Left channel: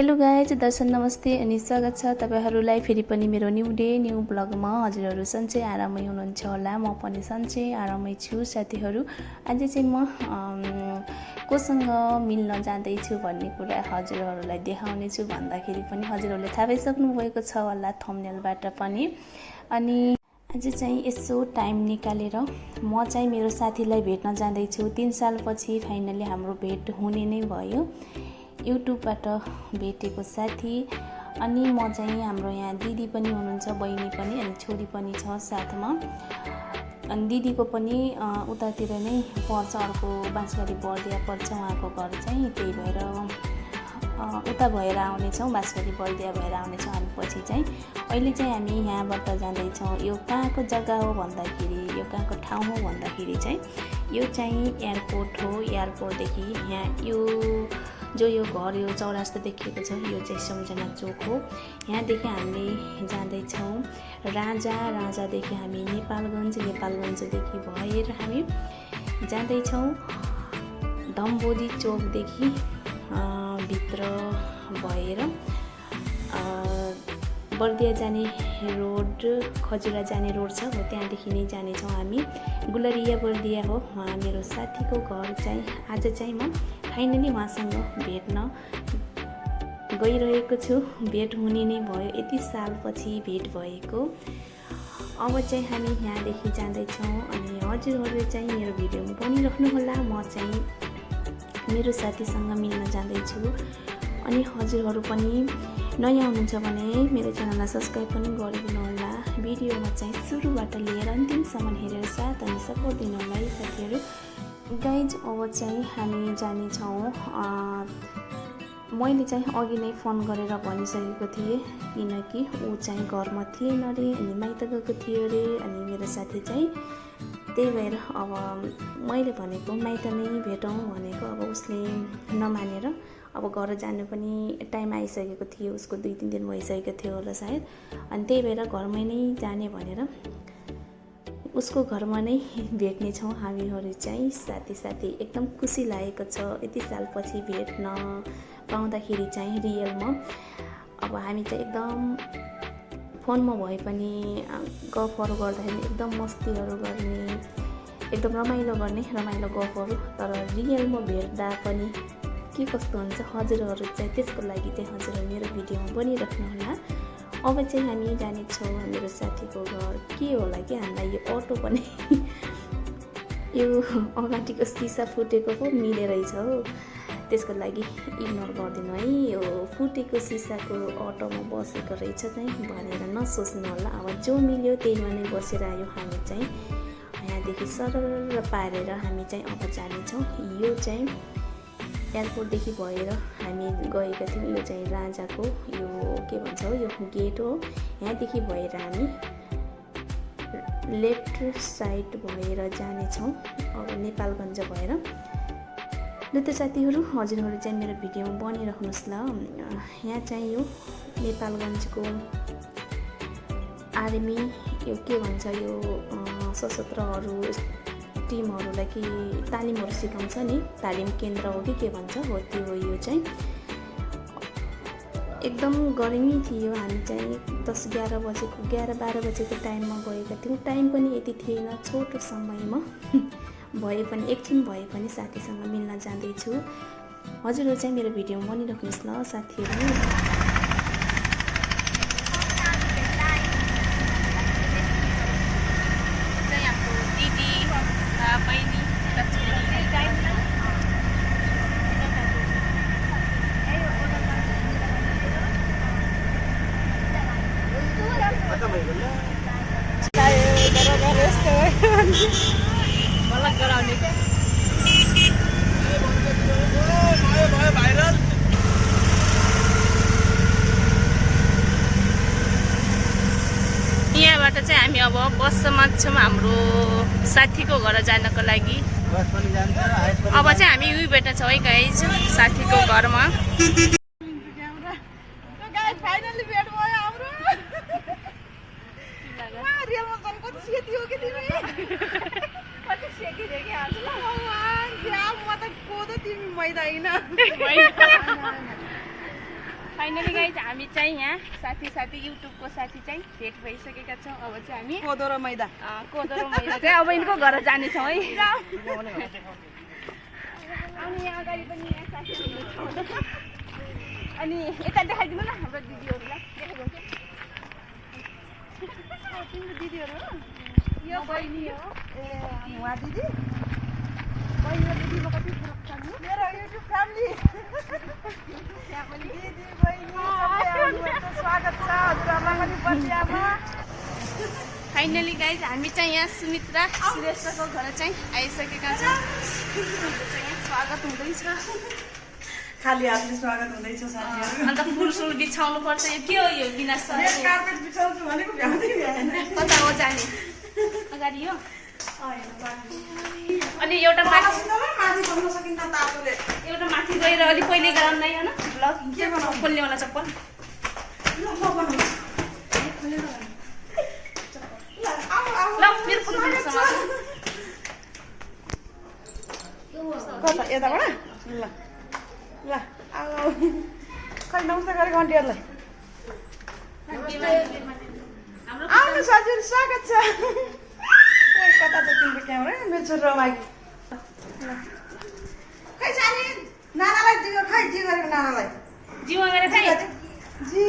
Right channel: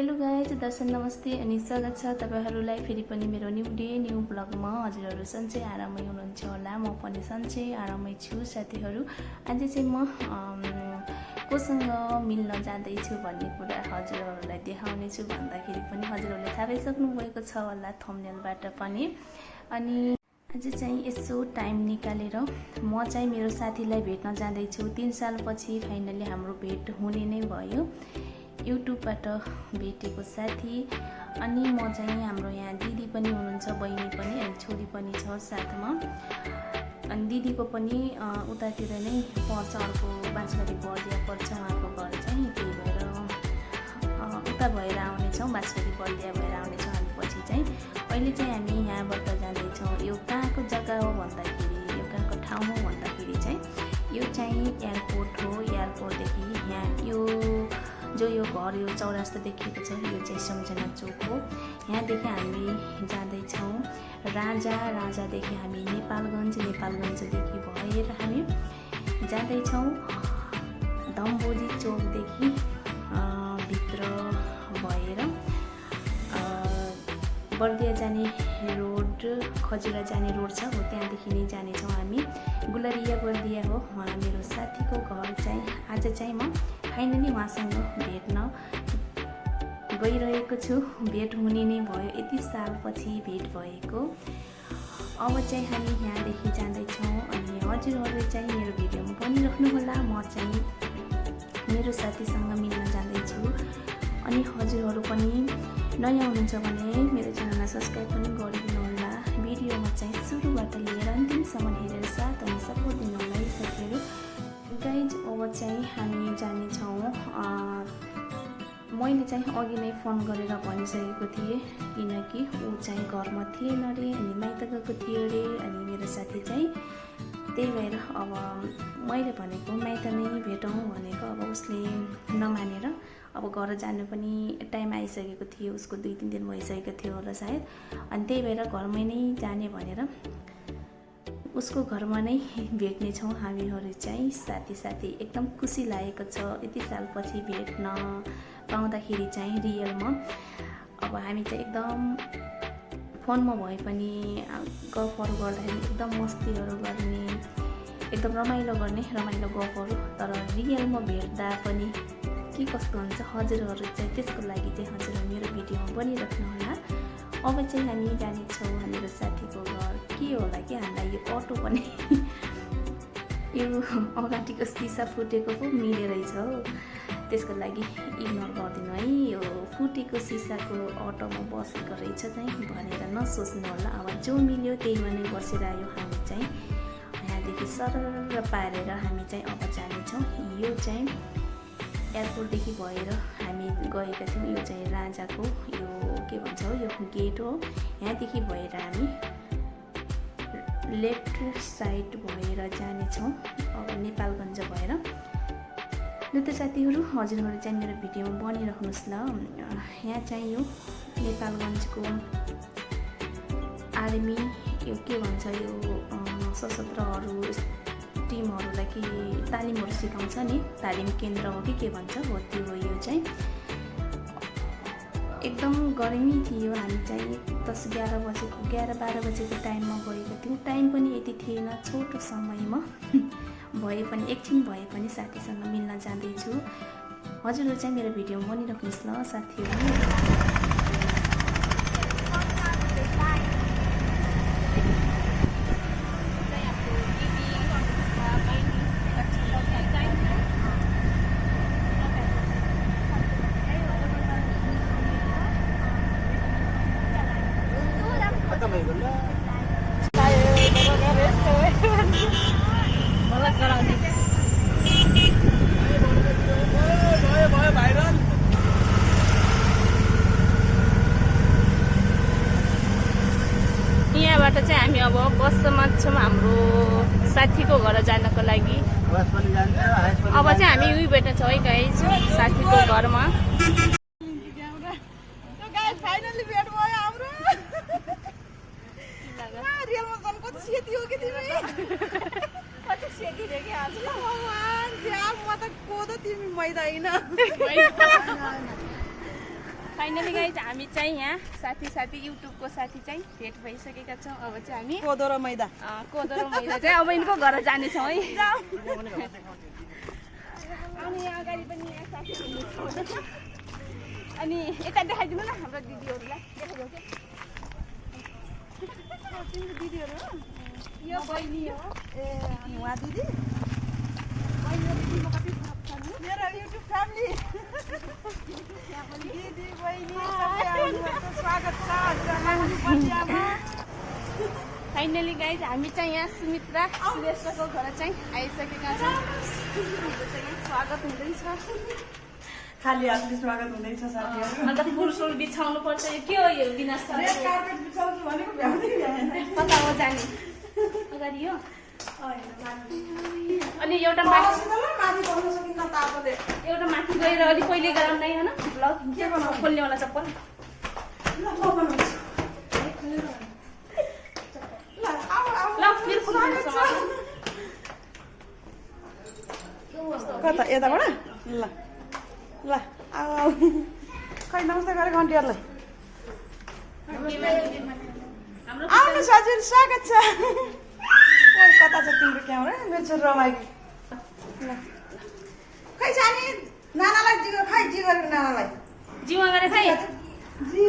Hello guys, दर्शन नमस्ते अनि स्वागत छ तपाईहरुलाई फेरि पनि मेरो न्यू डे न्यू ब्लगमा। हजुरहरु सन्चै आरामै हुनुहुन्छ होला, म पनि सन्चै आरामै छु साथीहरु। आज चाहिँ म कोसँग मिल्न जाँदैछु भन्ने कुरा हजुरहरुलाई देखाउने छु भन्दाखेरि पनि हजुरहरुले थाहा पाइसक्नु भएको छ होला थम्बनेलबाट पनि। अनि आज चाहिँ यसो टाइम निकालेर म चाहिँ मेरो साथीलाई भेट्न जाँदैछु। 3 सालपछि फाइनली हाम्रो भेट हुने नै भयो। युट्युबबाट भेटेको साथी। अनि म चाहिँ हाम्रो यहाँ दिदी पनि हुनुहुन्छ, बहिनी पनि अनि छोरी पनि छ साथमा। अनि दिदीको पनि उतातिर नै पर्छ, अर्को बाँसबारी बर्दिया पर्छ उहाँको घर चाहिँ। त्यही भएर उता भएर आउनेछौँ, बाँसबारी बर्दिया भएर आउनेछौँ हामी पछि चाहिँ। अहिले चाहिँ हामी यहाँबाट जाँदैछौँ। यो कहाँको जग्गा हो भन्दाखेरि, यो कहाँको ठाउँ हो भन्दाखेरि चाहिँ यो चाहिँ एयरपोर्ट हो। एयरपोर्टदेखि यहाँ यो यो घर यो चौरास्ता देखिएको छ, यो चाहिँ सम्झना चोक हो। यहाँदेखि हामी जाँदैछौँ राजादेखि हामी नेपालगञ्जदेखि भएर हामी जाँदैछौँ धम्बोजी चोकदेखि भित्र भएर बर्दिया जाने रोड, खजुरा जाने रोड छ हो, त्यहाँदेखि नै जानेछौँ हामी। गुलरिया बर्दिया हो उहाँ मेरो साथीको घर चाहिँ। आज चाहिँ म फाइनली उहाँसँग भेट्न गइरहेको छु। भेट हुने नै भयो, यति सालपछि भेट भएको। अब चाहिँ हामी यहाँदेखि जाँदैछौँ अनि हजुरहरूले चाहिँ मेरो भिडियोमा बनिराख्नुहोला। म चाहिँ मेरो साथीसँग मिल्न जाँदैछु। अनि हजुरहरू पनि नयाँ हुनुहुन्छ भने मेरो च्यानललाई सब्सक्राइब पनि गरिदिनु होला। भिडियोमा चाहिँ सुरुबाट लिएर अन्तिमसम्म हेरेर साथ अनि सपोर्ट दिनु होला है साथीहरू। गाइज अब चाहिँ हामी जानेछौँ। मैले चाहिँ अघि नै फोन गरेर भनिसकेको थिएँ, किनकि ऊ चाहिँ घरमा थिएन अरे अनि माइत गएको थियो अरे। अनि मेरो साथी चाहिँ त्यही भएर अब मैले भनेको माइत नै भेटौँ भनेको, अब उसले नमानेर अब घर जानु पनि टाइम आइसकेको थियो, उसको 2-3 दिन भइसकेको थियो होला सायद। अनि त्यही भएर घरमै नै जाने भनेर उसको घरमा नै भेट्नेछौँ हामीहरू चाहिँ। साथी एकदम खुसी लागेको छ यति सालपछि भेट्न पाउँदाखेरि चाहिँ रियलमा। अब हामी चाहिँ एकदम फोनमा भए पनि गफहरू गर्दाखेरि एकदम मस्तीहरू गर्ने, एकदम रमाइलो गफहरू। तर रियलमा भेट्दा पनि के कस्तो हुन्छ हजुरहरू चाहिँ त्यसको लागि चाहिँ हजुरहरू मेरो भिडियोमा बनिराख्नु होला। अब चाहिँ हामी जानेछौँ हाम्रो साथीको घर। के होला कि हामीलाई यो अटो पनि यो अगाडिको सिसा फुटेको पो मिलेरहेछ हो, त्यसको लागि इग्नोर गरिदिनु है। यो फुटेको सिसाको अटोमा बसेको रहेछ चाहिँ भनेर नसोच्नु होला। अब जो मिल्यो त्यहीमा नै बसेर आयो हामी चाहिँ। यहाँदेखि सरर पारेर हामी चाहिँ अब जानेछौँ। यो चाहिँ एयरपोर्टदेखि भएर हामी गएका थियौँ। यो चाहिँ राजाको यो के भन्छ हो, यो गेट हो। यहाँदेखि भएर हामी लेफ्ट साइड भएर जानेछौँ अब नेपालगञ्ज भएर। ल त साथीहरू, हजुरहरू चाहिँ मेरो भिडियोमा बनिराख्नुहोस् ल। यहाँ चाहिँ यो नेपालगञ्जको आर्मी यो के भन्छ, यो सशस्त्रहरू टिमहरूलाई कि तालिमहरू सिकाउँछ नि, तालिम केन्द्र हो कि के भन्छ हो, त्यो हो। यो चाहिँ एकदम गर्मी थियो। हामी चाहिँ 11-12 बजेको टाइममा गएका थियौँ। टाइम पनि यति थिएन, छोटो समयमा भए पनि एकछिन भए पनि साथीसँग मिल्न जाँदैछु। हजुरहरू चाहिँ मेरो भिडियोमा बनिराख्नुहोस् ल साथीहरू। यहाँबाट चाहिँ हामी अब बसमा छौँ हाम्रो साथीको घर जानको लागि। अब चाहिँ हामी उही भेट्न छौँ है गाइज साथीको घरमा। फाइनली गाइज हामी चाहिँ यहाँ साथी युट्युबको साथी चाहिँ भेट भइसकेका छौँ। अब चाहिँ हामी कोदो र मैदा चाहिँ अब यिनको घर जानेछौँ है। अनि यहाँ अगाडि पनि यहाँ साथी हुनुहुन्छ। अनि यता देखाइदिनु न हाम्रो दिदीहरूलाई देखाइदिनु तिम्रो दिदीहरू हो यो बहिनी हो ए अनि उहाँ दिदी बहिनी दिदीमा कति फरक छ नि मेरो युट्युब फ्यामिली दिदी बहिनी सबै आउनुहुन्छ स्वागत छ हजुरहरूलाई पनि बसियामा फाइनली गाइज हामी चाहिँ यहाँ सुमित्रा श्रेष्ठको घर चाहिँ आइसकेका छौँ। हाम्रो चाहिँ स्वागत हुँदैछ। खाली हातले स्वागत हुँदैछ साथीहरू। अन्त फुलसुल बिछाउनु पर्छ। यो के हो यो बिना रेड कार्पेट बिछाउँछु भनेको भ्याउँदै भ्याएन। कता हो जाने अगाडि हो। अनि एउटा माथि पाउन सकिन्न तातोले एउटा माथि गएर अलिक पहिले गराउनु नै होइन ब्लग खोल्नेवाला चप्पल ल मेरो फोन कता यताबाट ल ल आऊ खै नमस्ते गरेको आन्टीहरूलाई आउनु हजुर स्वागत छ। ओइ कता छ तिम्रो क्यामेरा मेरो छोरी रमाइलो खै जाने नानालाई जियो खै जी गरेको नानालाई जीवा गरेर खै जी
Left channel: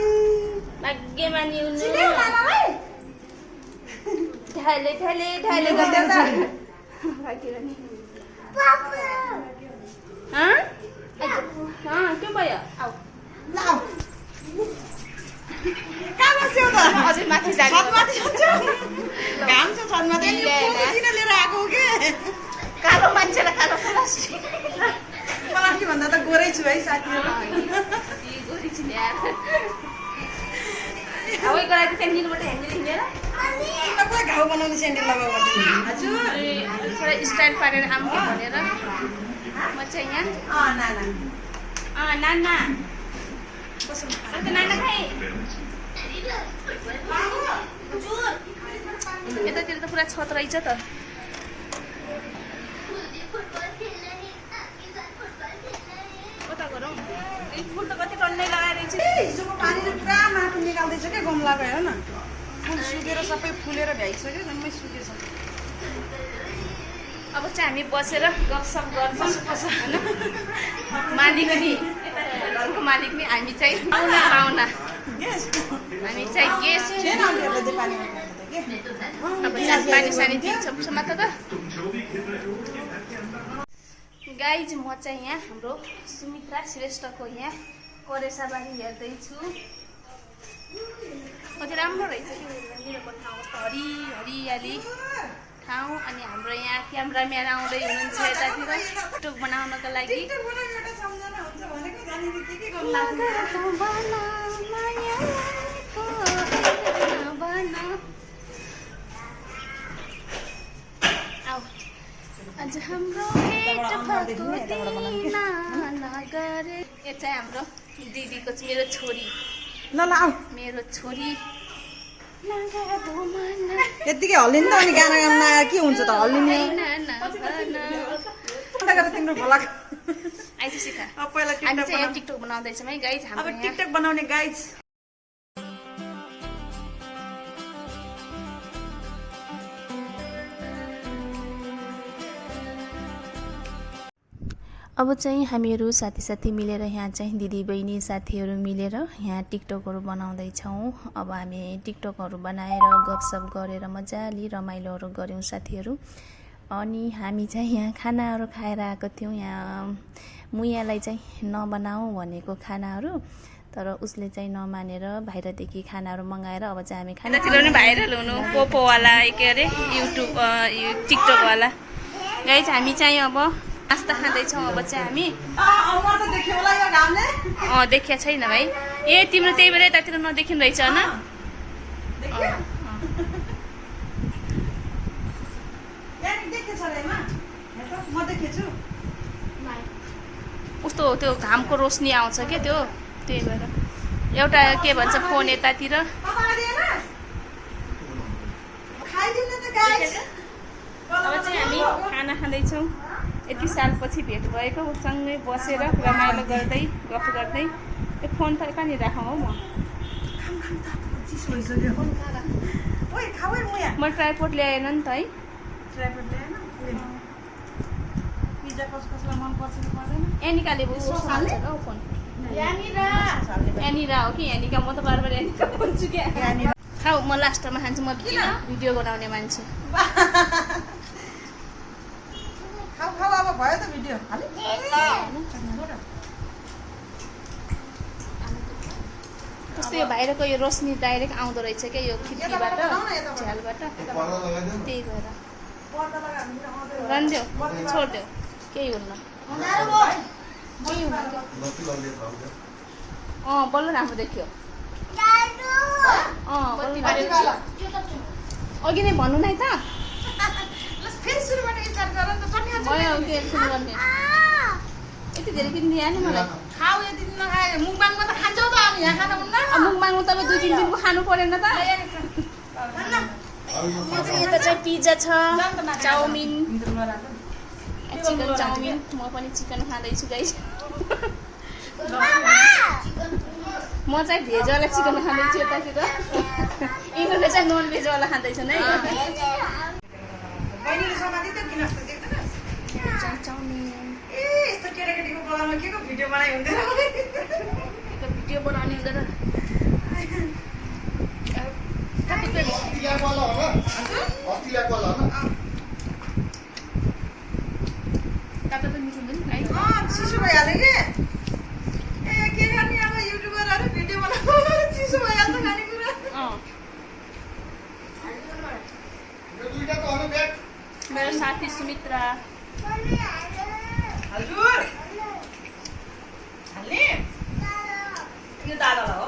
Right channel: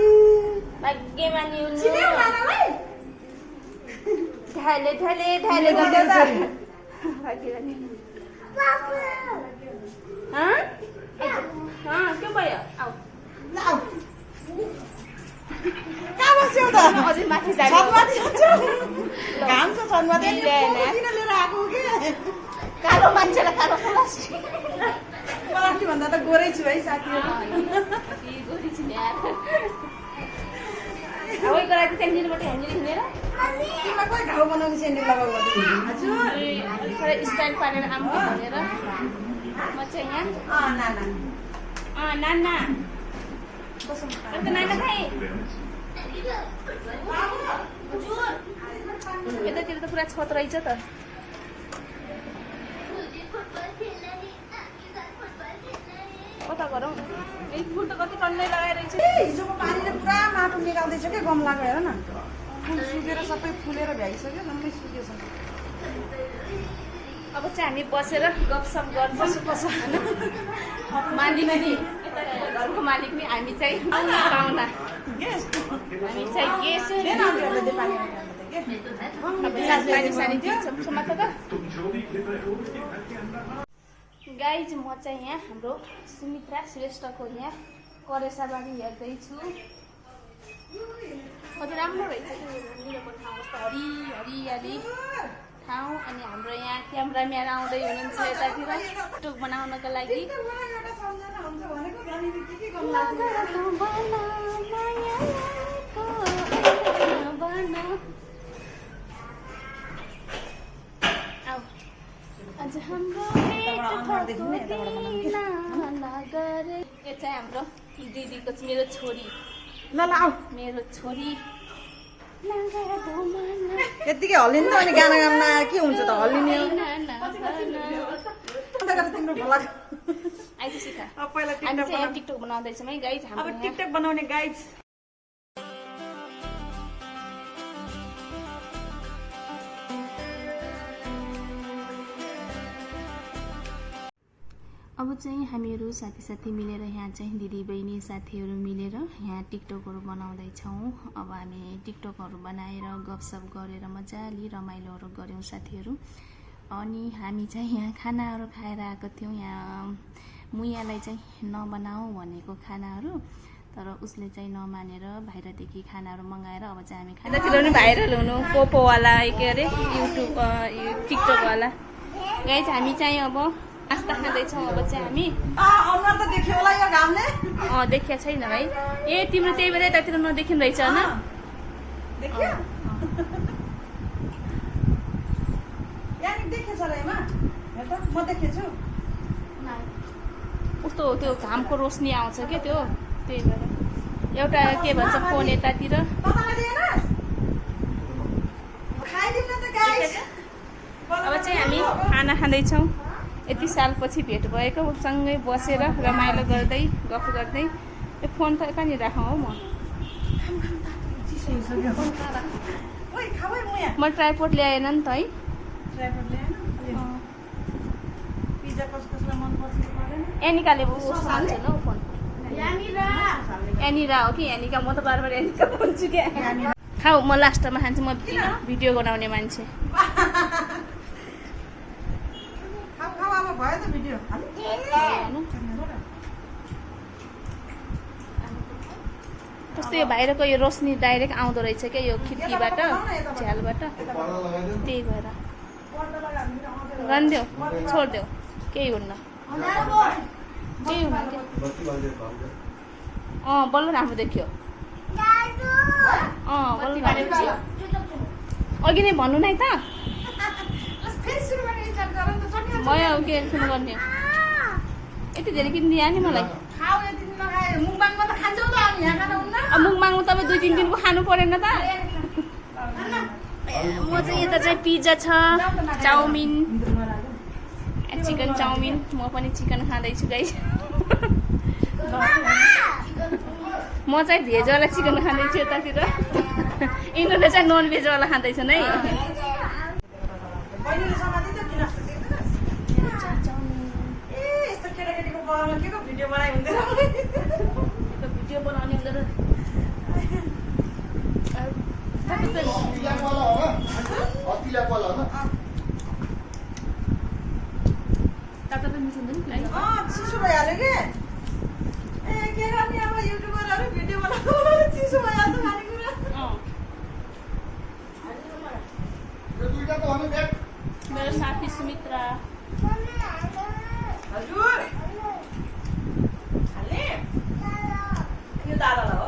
भाग्यमानी हुनु चिने नानालाई ढाले गर्दै त के भयो आऊ आऊ कहाँ बस्यौ त अझै माथि जाने हो। छतमाथि बस्यौ घाम छ छतमाथि किन लिएर आएको हो के कालो मान्छेलाई कालो प्लास्टिक मलाई भन्दा त गोरै छु है साथीहरू गोरी छु नि यार हावै गराएको थियो निबाट ह्यान्डल हिँडेर तिमीलाई कोही घाउ बनाउने सेन्डल लगाऊ हजुर थोरै स्टाइल पारेर आऊँ कि भनेर म चाहिँ यहाँ नाना अन्त नाना खाएँ यतातिर त पुरा छत रहेछ त। कता गरौँ एक फुल त कति टन्नै लगाइरहेको छ। हिजोको पानीले पुरा माटो निकाल्दैछ क्या गमलाको हेर न फुल सुकेर सबै फुलेर भ्याइसक्यो जम्मै सुकेछ। अब चाहिँ हामी बसेर गफसफ गर्छौँ होइन। मालिक नि यता घरको मालिक नि हामी चाहिँ पाहुना हामी चाहिँ गेस्ट अब पानी दिन्छौँ मात्र त। गाइज म चाहिँ यहाँ हाम्रो सुमित्रा श्रेष्ठको यहाँ करेसाबारी हेर्दैछु। कति राम्रो रहेछ कि मेरोको ठाउँ कस्तो हरियाली ठाउँ। अनि हाम्रो यहाँ क्यामराम्यान आउँदै हुनुहुन्छ यतातिर टिकटक बनाउनको लागि। आज हाम्रो भेट भएको दिन नगरे यो चाहिँ हाम्रो दिदीको मेरो छोरी मेरो छोरी यतिकै हल्लिनु त अनि गाना गाउन के हुन्छ त हल्लिने तिम्रो भ्लग आइज सिका पहिला हामी चाहिँ यहाँ टिकटक बनाउँदैछौँ है गाइज। अब टिकटक बनाउने गाइज अब चाहिँ हामीहरू साथी मिलेर यहाँ चाहिँ दिदी बहिनी साथीहरू मिलेर यहाँ टिकटकहरू बनाउँदैछौँ। अब हामी टिकटकहरू बनाएर गफसफ गरेर मजाले रमाइलोहरू गऱ्यौँ साथीहरू। अनि हामी चाहिँ यहाँ खानाहरू खाएर आएको थियौँ। यहाँ मुयालाई चाहिँ नबनाऊ भनेको खानाहरू तर उसले चाहिँ नमानेर बाहिरदेखि खानाहरू मगाएर अब चाहिँ हामी खानातिर पनि भाइरल हुनु पोपोवाला के अरे युट्युब टिकटकवाला गाइज हामी चाहिँ अब नास्ता खाँदैछौँ। अब चाहिँ हामी देखिया छैन भाइ ए तिम्रो त्यही बेला यतातिर नदेखिनु रहेछ होइन। कस्तो त्यो घामको रोशनी आउँछ क्या त्यो त्यही भएर एउटा के भन्छ फोन यतातिर अब चाहिँ हामी खाना खाँदैछौँ। यति सालपछि भेट भएको सँगै बसेर रमाइलो गर्दै गफ गर्दै ए फोन त कहाँनिर राखौँ हौ म चिसो भइसक्यो ओइ खाऊ है मुया म ट्राइपोड ल्याएन नि त है ट्राइपड ल्याएन पिज्जा कसलाई मन पर्छ कि पर्दैन एनिकाले हाल्छ ल फोन एनिरा हो कि एनिका म त बार बार एनिका भन्छु क्या खाऊ म लास्टमा खान्छु म भिडियो बनाउने मान्छे खाऊ खाऊ अब भयो त भिडियो कस्तो यो बाहिरको यो रोशनी डाइरेक्ट आउँदो रहेछ क्या यो खिड्कीबाट झ्यालबाट त्यही भएर रन्देऊ छोडिदेऊ केही हुन्न केही हुन्न बल्ल राम्रो देखियो बल्ल राम्रो देखियो अघि नै भन्नु नै त फेरि सुरुबाट विचार गर नि त चट्नी भयो के सुरु गर्ने यति धेरै किनिदिए नि मलाई खाऊ यति दिन नखाए मुङबाङमा त खान्छौ त अनि यहाँ खानु हुन्न मुङमाङमा तपाईँ 2-3 दिनको खानु परेन त यता चाहिँ पिज्जा छ चाउमिन चिकन चाउमिन म पनि चिकन खाँदैछु गाइस म चाहिँ भेजवाला चिकन खाँदैछु यतातिर यिनीहरूले चाहिँ नन भेजवाला खाँदैछन् है बहिनीले समाति त्यो किन चाउमिन ए यस्तो केटाकेटीको बगानमा के को भिडियो बनाइ हुँदैन भिडियो बनाउने हुँदैन काटा त मिठो हुँदैन नि चिसो भइहाल्यो कि ए के गर्ने अब युट्युबरहरू भिडियो बनाएको चिसो भइहाल्छ खानेकुरा मेरो साथी सुमित्रा हजुर हाल्ने यो दादालाई हो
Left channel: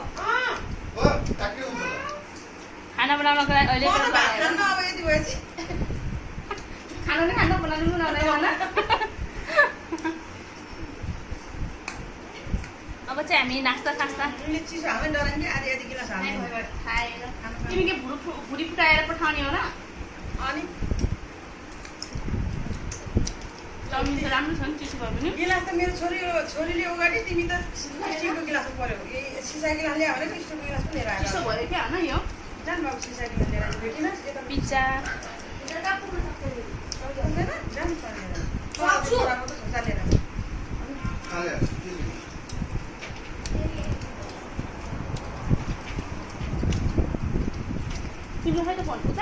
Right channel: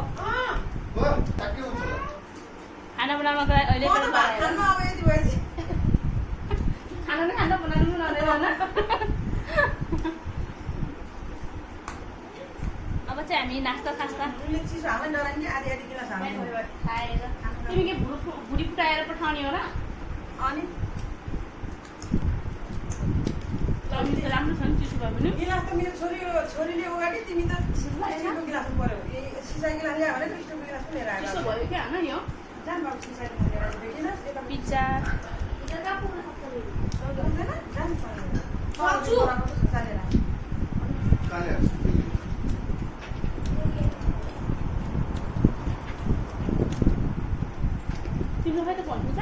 खाना बनाउनको लागि अहिले म त भात खान्न अब यति भएपछि खाना नै खाना बनाउनु बनाउँदै भन अब चाहिँ हामी नास्ता सास्ता उनले चिसो हाल्न डरायो नि आधी आधी किन खाने खाएर तिमी के भुडी फुटाएर पठाउने हो र अनि चाउमिन त राम्रो छ नि चिसो भयो भने गिलास त मेरो छोरीले अगाडि तिमी त स्टिलको गिलासमा पर्यो सिसा गिलास ल्यायो भने स्टिलको गिलास पनि लिएर आयो चिसो भयो क्या होइन यो जान बाबु सिसा गिलास लिएर आयो भेटिनस् यता पिज्जा तिम्रो खै त फोन पुग्छ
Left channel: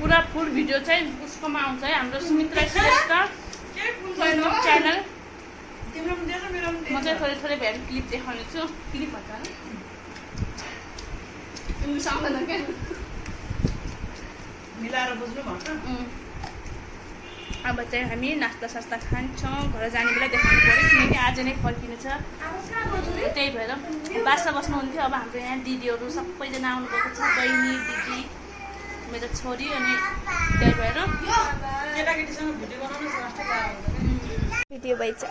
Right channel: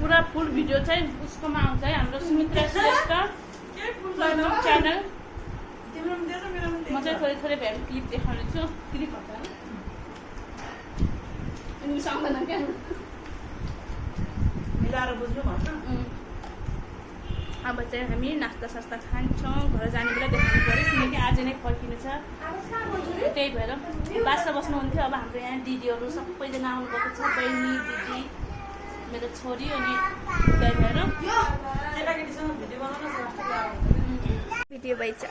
पुरा फुल भिडियो चाहिँ उसकोमा आउँछ है हाम्रो सुमित्रा श्रेष्ठ युट्युब च्यानल म चाहिँ थोरै थोरै भएर क्लिप देखाउने छु क्लिप भन्छ इङ्ग्लिस आउँदैन क्या मिलाएर बुझ्नु भन्छ अब चाहिँ हामी नास्ता सास्ता खान्छौँ घर जाने बेला देखाउनु पऱ्यो किनकि आज नै फर्किनु छ त्यही भएर बासा बस्नुहुन्थ्यो अब हाम्रो यहाँ दिदीहरू सबैजना आउनुभएको छ बहिनी दिदी मेरो छोरी अनि त्यही भएर केटाकेटीसँग भिडियो बनाउन भिडियो भइछ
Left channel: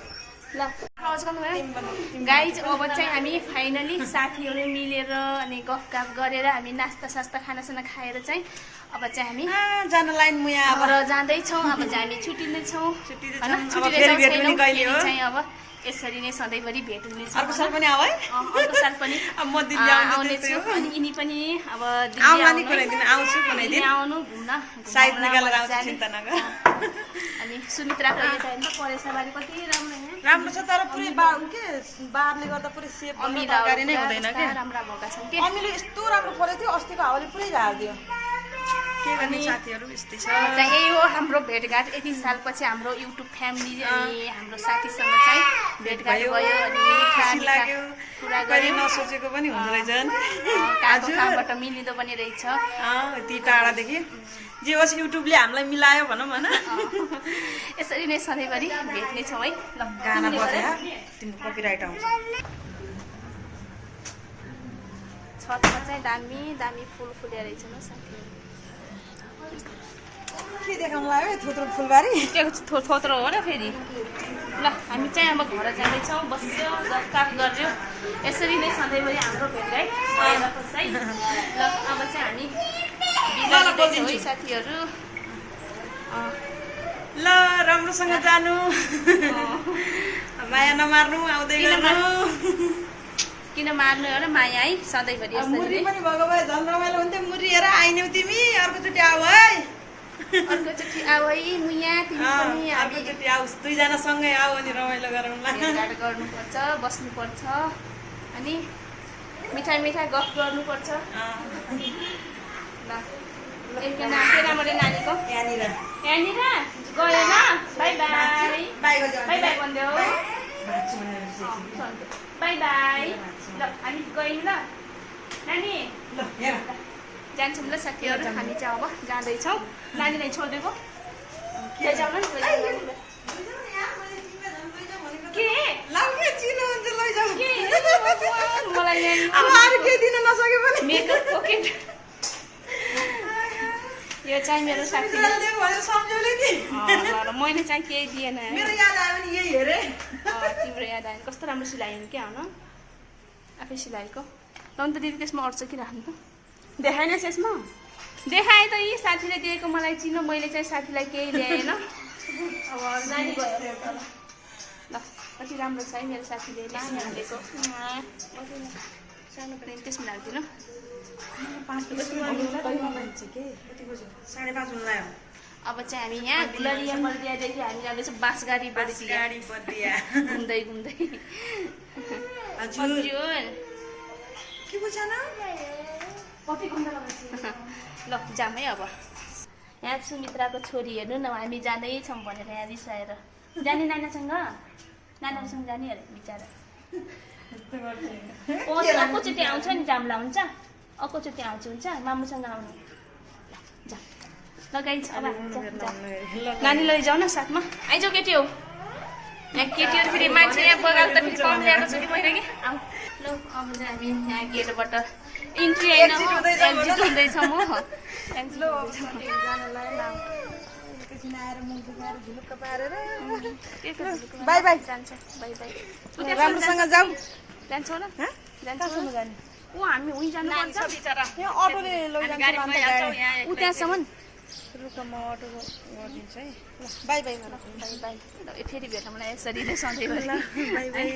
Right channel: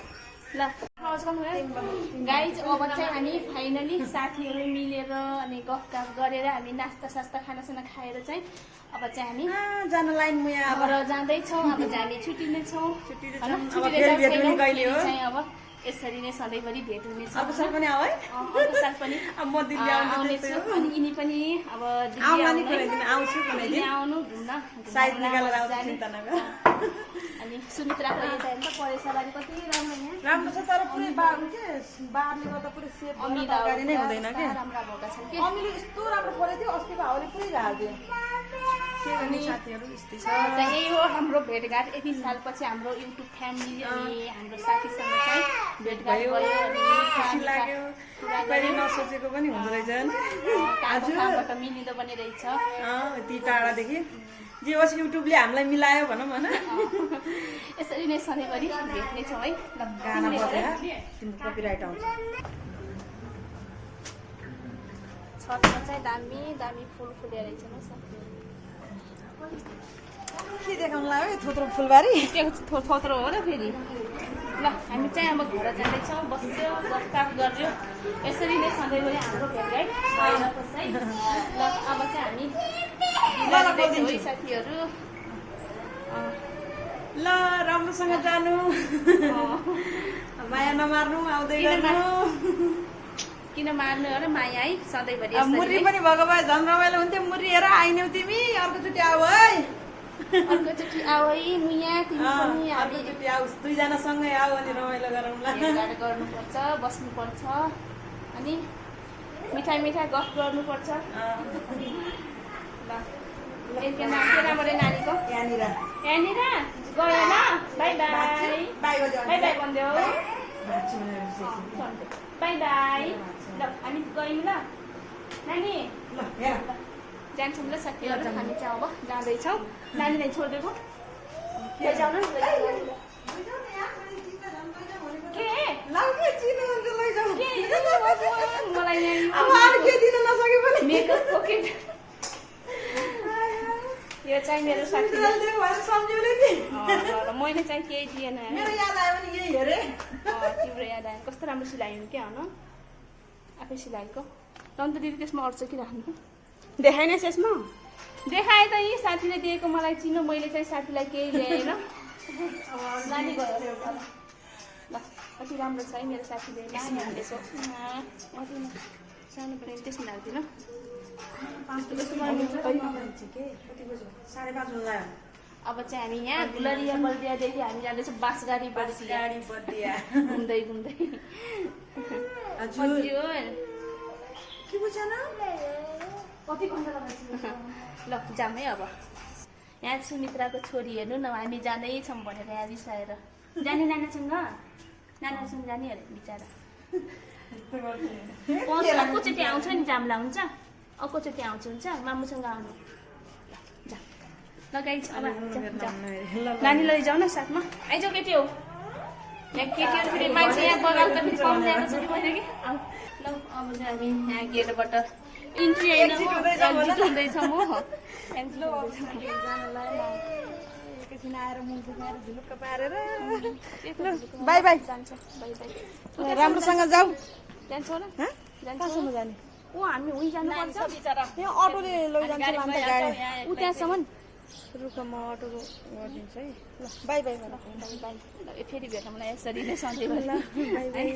ल आवाज गर्नुभयो गाइज अब चाहिँ हामी फाइनली साथीहरू मिलेर अनि गफगाफ गरेर हामी नास्ता सास्ता खानासाना खाएर चाहिँ अब चाहिँ हामी जान लाइन मुया अब जाँदैछौँ अब चाहिँ हामी छुट्टिँदैछौँ चाहिँ अब यसरी नै सधैँभरि भेट हुनेछ अर्को साल पनि आऊ है अर्को साल पनि म दिल्ली आउनेछु अनि यिनी पनि अब आउँछु दिल्ली आउनु घुम्न साइड निकालेर आउँछु चिन्ता नगर अनि सुमित्राको यता हेर्नु त परेसाबारी कति राम्रो यहाँ राम्रो छ तर पुरै बारले गर्दा पुरै सेप अमिलाहरू नै हुँदैन के राम्रा भएका छन् के अमिलो यस्तो राम्रो परेको थियो अस्तिको हावाले पुरै झारिदियो के गर्ने साथीहरू यस्तै छ यही हो हाम्रो भेटघाट यति सालपछि हाम्रो युट्युब फ्यामिली अनि हाम्रो साथीसँग चाहिँ भेटघाट भयो अनि खुसी लाग्यो कुरा कहिले नसोचेको पनि हुँदो रहेछ कहाँबाट मिलिँदो पनि रहेछ यति टाढादेखि जे होस् युट्युबले हामीलाई मिलायो भनौँ होइन यसरी नै सधैँभरि भेट्नेछौँ है ल गाना बजायो तिम्रो कपिराइट आउँछ छतमा चाहिँ दामी दामी फुल फुलेर रहेछ न साथीहरू के देखाउनु लाग्यो थोत्रो फुलबारी थोत्रो हो र फेरि ल हामी चाहिँ अब घर जाँदैछौँ बस्यो गफगाफ गर्यो यसरी नै सधैँभरि हाम्रो भेटघाट भइरहेको छ है ल अब चाहिँ हामी बिलाइँदैछ है साथीहरू ल राम्रोसँग जानु माया नमार्नु आउँदै गर्नु किन मार्नु हो र माया है सधैँभरि मुरी यसरी पनि भएको भए झन् रमाइलो हुन्थ्यो मुरी हेर आइन्यौ तिमी अर्कोचोटि आऊ है अर्कोचोटि आऊ है मुया तिमी पनि हामी अर्कोचोटि आऊ दुईजना सँगै आऊ अनि रमाइलो गरौँला भेटघाट गर्नुपर्छ बस्नुपर्छ अनि मिठाई मिठाई गफ गर्नुपर्छ ल एकजना केटाबाट नानीको यहाँनिर यहाँनिर गयो ल by by by by by भनिदेऊ भाँच्छु भनेर बाई बाई ल हामी गयौँ ल नानी ल हेर जान्छौँ ल साथीहरू हामी चाहिँ अब जाँदैछौँ नानीलाई छोडिदिएको लैजाउँ न के लाउ के चिनो हुन्छ लैजाऊ के मलाई अब अरू के दिन नसके पनि मेकअप पकेट यो चाहिँ मेरो साथी दियो भनेर सम्झौले नि मैले चाहिँ केही दिएन मेरो याद आयो भने यही हेरे तिम्रो याद आयो कस्तो राम्रो सिलायो क्या हो न आफै सिलाएको ल त दिदी त्यसमा अड्छ कि राख्नु त देखाएन यसमा देखाएँ त यी साथीले दिएको मलाई चिनो मैले चाहिँ साथीलाई केही ल्याएन अब नानी गयो एउटा ल कति राम्रो छ है मेरो साथीले नानी हालेको सानो प्लेन त्यसमा राख्दिनँ 5:30 लायो अब चाहिँ हामी यहाँ गुलरिया बर्दियादेखि हामी जाँदैछौँ बाँसगाडी बर्दिया घुम्दै घुम्दै हजुर के बुझान कति घन्टा लगाउँछ ल जाम है अब यहाँ सुमित्राको छोरी हेर्नु न हामी जाँदैछौँ भनेर यहाँ रिसाएर जाने नानासँग नानासँग जाने अरे बिचरा अर्कोचोटि आउँछ नि जाम्ला हुन्छ अर्कोचोटि आउँछ हुन्छ मामुसँग आउनु ल ल गाइज अब नानी लैजाऊ न साथमा आइजाऊ केटी हो यहाँ केटीहरू फेरि मान्छे यहाँ बगाल त फेरि कम ल्याएको छु कि मैले कि आऊ ल अब चाहिँ हामी यहाँ गेटबाट इन्ट्री होइन एक्जिट हुँदैछौँ हो बाई बाई जान्छ बाई बाई राम्रोसँग जाऊ जान्छौ न जान्छौ ऊ हामी उहीँ जानुपर्छ बिचरा यहाँ अटोले लैजान्छ ऊ त्यहाँसम्म रुखमा अटो गरिदिन्छ है ल बाई बाई बाई बाई ल फेरि भेटौँ मलाई यसरी नै सधैँ बाई बाई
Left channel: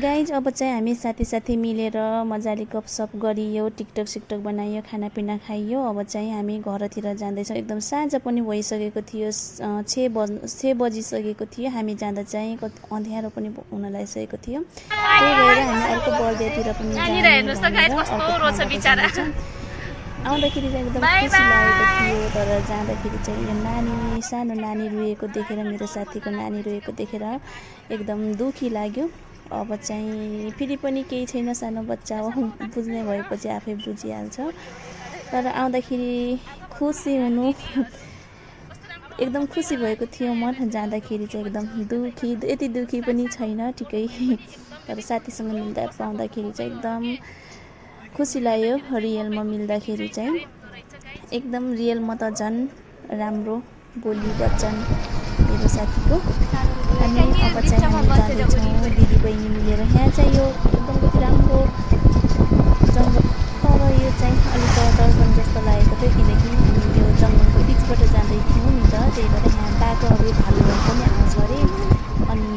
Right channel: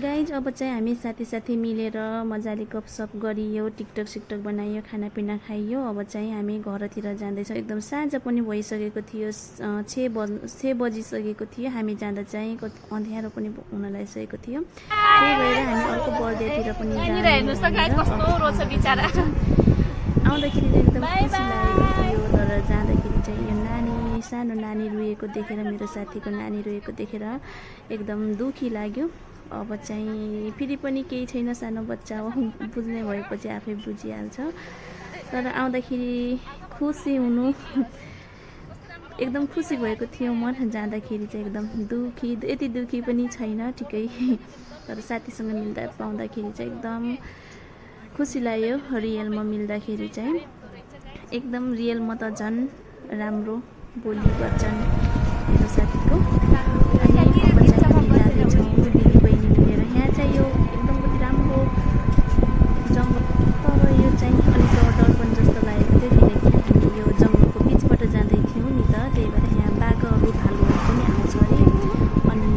गाइज अब चाहिँ हामी साथी साथी मिलेर मजाले गफसफ गरियो टिकटक सिकटक बनाइयो खानापिना खाइयो अब चाहिँ हामी घरतिर जाँदैछौँ एकदम साँझ पनि भइसकेको थियो 6 बजिसकेको थियो हामी जाँदा चाहिँ अँध्यारो पनि हुन लागिसकेको थियो त्यही भएर हामी अर्को बर्दियातिर पनि आउँदाखेरि चाहिँ एकदम खुसी लागेको थियो तर जाँदाखेरि चाहिँ यो नानी सानो नानी रोएको देखेर मेरो साथीको नानी रोएको देखेर एकदम दुःखी लाग्यो अब चाहिँ फेरि पनि केही छैन सानो बच्चा हो बुझ्ने भएपछि आफै बुझिहाल्छ तर आउँदाखेरि खुसी हुनु एकदम खुसी भएको थियो मन जाँदाखेरि चाहिँ एकदम दुःखी यति दुःखी पनि छैन ठिकै तर साथीसँग मिल्दा पाउँदाखेरि चाहिँ एकदम खुसी लाग्यो रियलमा मिल्दाखेरि चाहिँ एकदम रियलमा त झन् राम्रो बोली वचन मेरो साथीको अनि अब चाहिँ हामी जाँदैछौँ दिदीबहिनी मिलेर यहाँ चाहिँ यो एकदम कति राम्रो जङ्गल तर यो चाहिँ अलिक दर्पण जस्तो लागेको थियो किनकि हामी यो जङ्गलको बिचबाट जाँदै थियौँ नि त त्यही भएर यहाँ बाटो अब भालुहरू पनि आउँछ अरे अनि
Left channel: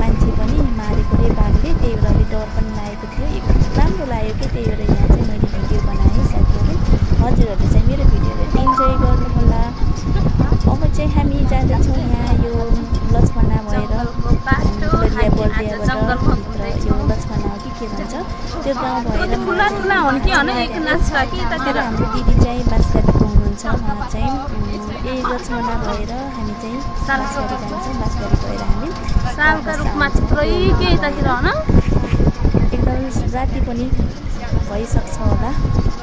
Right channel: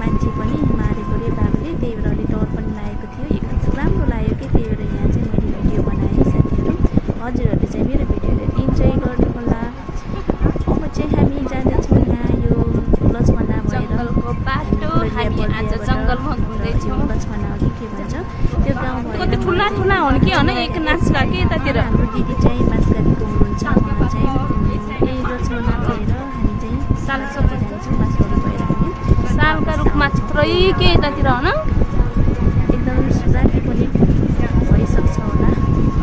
मान्छे पनि मारेको अरे बाघले त्यही भएर अलिक डर पनि लागेको थियो एकदम राम्रो लाग्यो कि त्यही भएर यहाँ चाहिँ मैले भिडियो बनाएँ साथीहरू हजुरहरू चाहिँ मेरो भिडियोलाई इन्जोय गर्नु होला अब चाहिँ हामी जाँदैछौँ यहाँ यो लक्ष्मणा भएर लक्ष्मणा हो कि के भन्छ त्यो गाउँ भएर ठुला ठुला हुन् कि एक नाच्ला कि ततिर हाम्रो दिदी चाहिँ बाँसगाडीको हुनुहुन्छ उहाँ चाहिँ यही लक्ष्मणा भएर हामी चाहिँ जान्छौँ बाँसगाडी भएर हामी सालका रूपमा थुप्रै के यतातिर हो न एकदम राति पनि भइसक्छ होला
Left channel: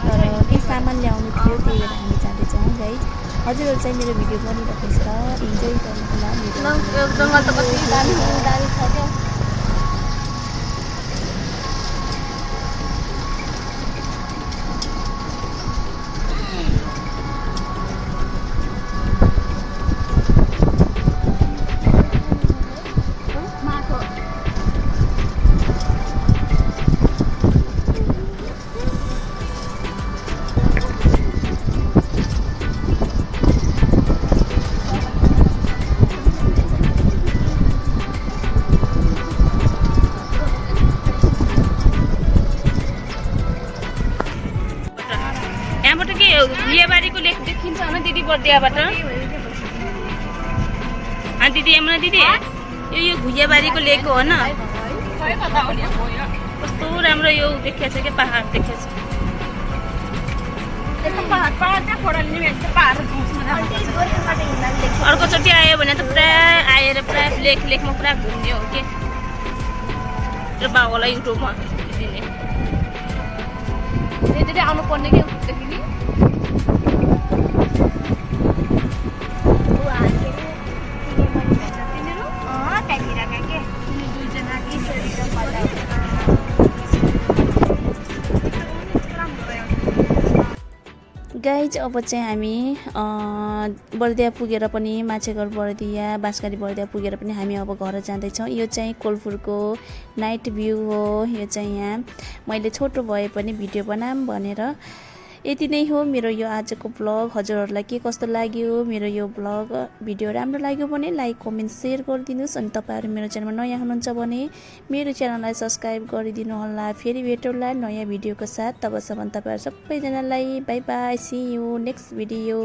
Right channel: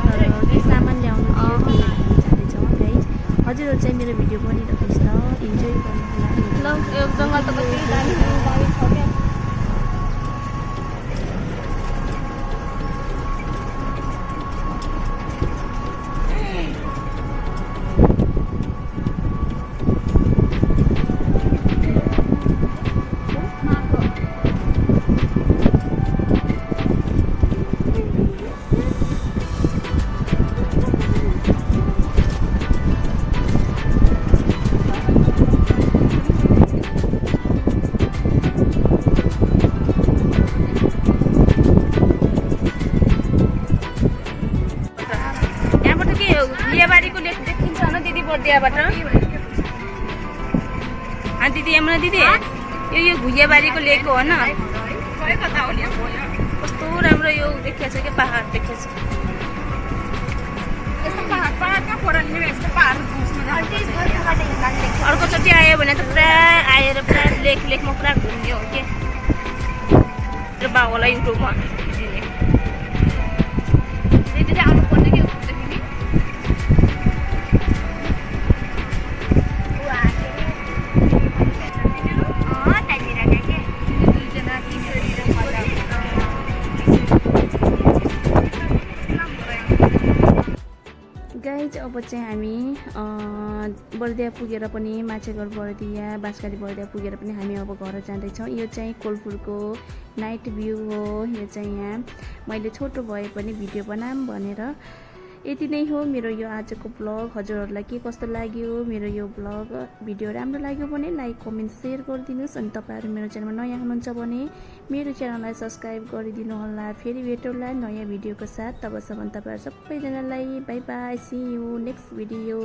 तर केही सामान ल्याउनु थियो त्यही भएर हामी जाँदैछौँ गाइज हजुरहरू चाहिँ मेरो भिडियो बनिरहेको छ इन्जोय गर्नु होला जङ्गल त कति दामी छ क्या भुइयाबारीको लेक देखिन्छ होला दिदी बर्दियाबाट दिदी यमुना दिदी यो भुइयाबारीको लेक हो होइन कस्तो राम्रो यो देखिएको छ क्या पहाड देखिएको छ अर्कोचोटि आयो भने त पुरा आएर पुरा लेकमा पुरा घुम्ने हो कि र बाउलाई युट्युबमा दिने आउनु पर्ने कि गाइज अब चाहिँ हामी बर्दिया पुगेर पनि माछेघर बर्दिया बाँसगारी बर्दिया पुगेर पनि हामी अब घर जाँदैछौँ। यो चाहिँ कोलपुरको नाइट भ्यू हो। यो चाहिँ यहाँ मैले छोटो भए पनि भिडियो बनाऊँ भनेर यति नै हो मेरो यो आजको ब्लग। हजुरहरूलाई के कस्तो लाग्यो मेरो यो ब्लग भिडियो राम्रो लाग्यो भने लाइक कमेन्ट सेयर गरिदिनुहोस्। अनि तपाईँहरू मेरो च्यानलमा नयाँ हुनुहुन्छ भने मेरो च्यानललाई सब्सक्राइब गरिदिनु होला। फेरि भेटौँला नयाँ भिडियोको साथ। तबसम्म तपाईँहरू सबैजनालाई bye bye, see you next video.